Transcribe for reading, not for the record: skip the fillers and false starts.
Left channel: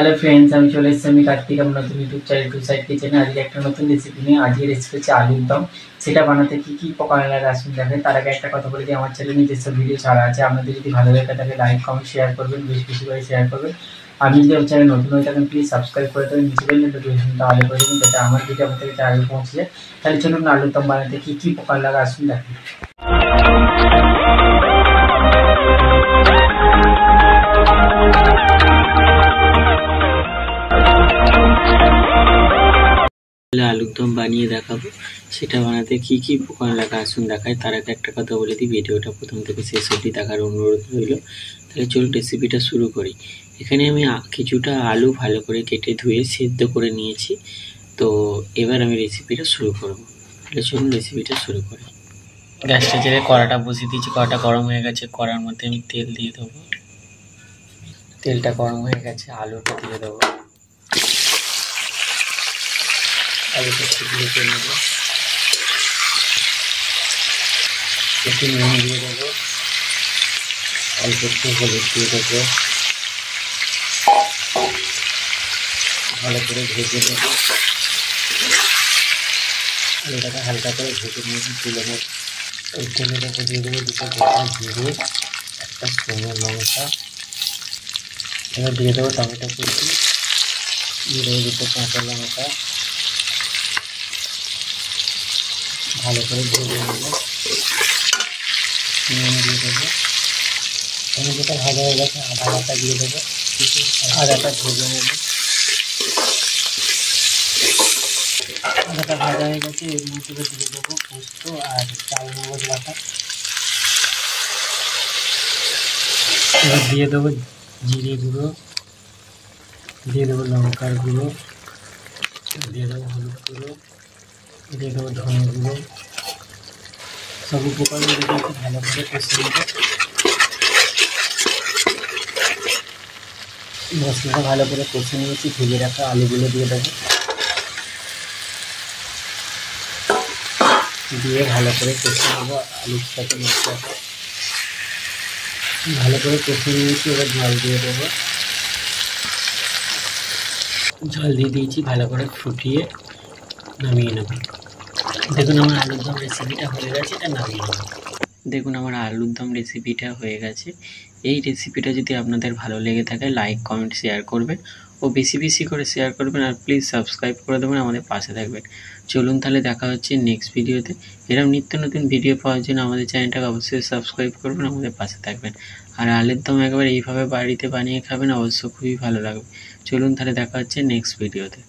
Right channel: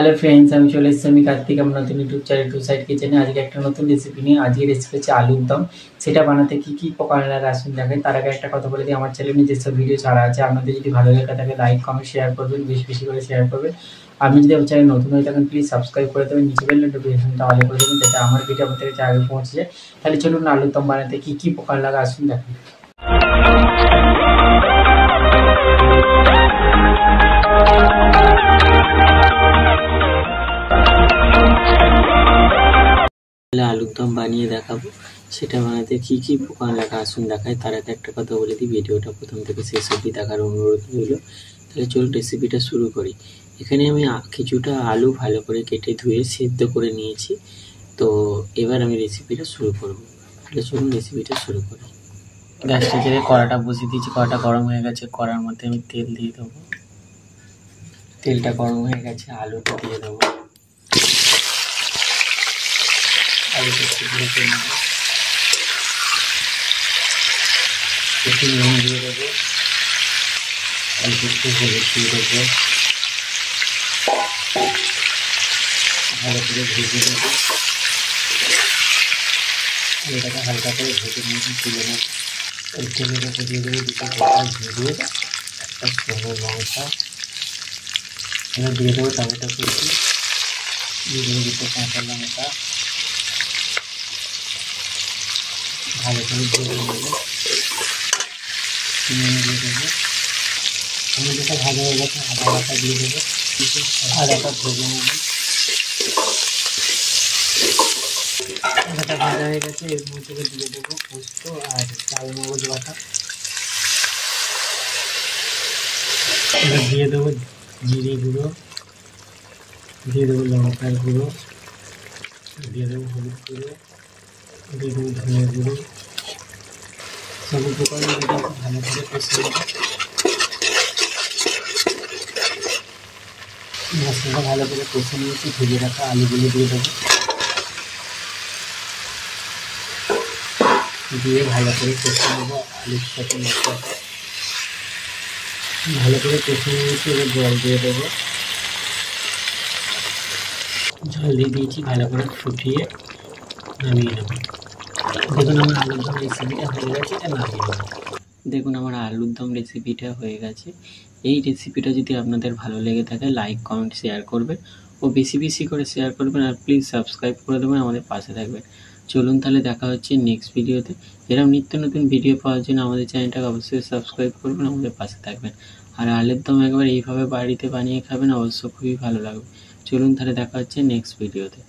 Hello friends, আমি চলে এসেছি আমি কার্তিক আমার নতুন ইউটিউব চ্যানেল টু সাইড কিচেনে। আজকে একটা নতুন রেসিপি নিয়ে আজকে রেসিপি হচ্ছে আলুর দম। সেটা বানাতে কী উপকরণ লাগে আসুন দেখেন। তার আগে একটা কথা বলে দিই, আমার চ্যানেলে যেসব ভিডিও ছাড়া আছে আপনাদের যদি ভালো লাগে থাকে লাইক কমেন্ট শেয়ার করবেন, বেশি বেশি করে শেয়ার করবেন। আপনি যদি আমার চ্যানেল নতুন হয়ে থাকেন প্লিজ সাবস্ক্রাইব করে দেবেন, নিচে বেল নোটিফিকেশনটা অল করে দেবেন যাতে আমার ভিডিও আপনাদের কাছে আগে পৌঁছে যায়। তাহলে চলুন আলুর দম বানাতে কী উপকরণ লাগে আসুন দেখেন। আলুর দম বানিয়ে দেখাবো, সেটা বানাতে কী উপকরণ লাগে আসুন দেখায়। তার আগে একটা কথা বলে দিই, ভিডিওটা প্রথম থেকে শেষ অবধি দেখার অনুরোধ রইল। তাহলে চলুন রেসিপিটা শুরু করি। এখানে আমি কিছুটা আলু ভালো করে কেটে ধুয়ে সেদ্ধ করে নিয়েছি। তো এবার আমি রেসিপিটা শুরু করব। তাহলে চলুন রেসিপিটা শুরু করি। গ্যাসটা জেলে কড়াটা বসিয়ে দিয়েছি, কড়াটা গরম হয়ে গেছে। কড়ার মধ্যে আমি তেল দিয়ে দেবো। তেলটা গরম হয়ে গেছে, আলুটা দিয়ে দেবো। আলুটা শুকনো করে নেব, একটু নুন দিয়ে দেবো, অল্প একটু হলুদ দিয়ে দেবো, ভালো করে ভেজে দেবো। আলুটাকে হালকা করে ভেজে নিয়ে তুলে নেব। ওই তেলের উপর দিয়ে দেবো দুটো গোটা জিরে, একটা শুকনো লঙ্কা, এবার দিয়ে দেবো টমেটো কুচি, দিয়ে দেবো দুটো কাঁচা লঙ্কা, ভালো করে ভেজে নেব। নুন দিয়ে দেবো, আমি যেটা ভাজা হয়ে গেছে আদা বাটা দিয়ে দেবো, আদাটা ভেজে নেব। আদাটা ভাজা হয়ে গেছে, এর মধ্যে দিয়ে দেবো পোস্ত আর চাল মগজ বাটা। এবার দিয়ে দেবো জিরে গুঁড়ো, দিয়ে দেবো লঙ্কার গুঁড়ো, দিয়ে দেবো হলুদ গুঁড়ো, দিয়ে দেবো ধনে গুঁড়ো। সব উপকরণ দিয়ে ভালো করে কষিয়ে নেব। মশলাটা ভালো করে কষে নিয়েছি, ভেজে রাখা আলুগুলো দিয়ে দেবো, দিয়ে ভালো করে কষে নেবো আলুর সাথে মশলাটা। ভালো করে কষে নিয়েছি, এবার জল দিয়ে দেবো। জল দিয়ে দিয়েছি, ভালো করে ফুটিয়ে নামিয়ে নেব। দেখুন আমার আলুর দম রেসিপিটা হয়ে গেছে, এটা নামিয়ে নেব। দেখুন আমার আলুর দম রেসিপিটা হয়ে গেছে। এই রেসিপিটা যদি আপনাদের ভালো লেগে থাকে লাইক কমেন্ট শেয়ার করবেন ও বেশি বেশি করে শেয়ার করবেন, আর প্লিজ সাবস্ক্রাইব করে দেবেন, আমাদের পাশে থাকবেন। চলুন তাহলে দেখা হচ্ছে নেক্সট ভিডিওতে। এরকম নিত্য নতুন ভিডিও পাওয়ার জন্য আমাদের চ্যানেলটাকে অবশ্যই সাবস্ক্রাইব করবেন, আমাদের পাশে থাকবেন। আর আলুর দম একবার এইভাবে বাড়িতে বানিয়ে খাবেন, অবশ্য খুবই ভালো লাগবে। চলুন তাহলে দেখা হচ্ছে নেক্সট ভিডিওতে।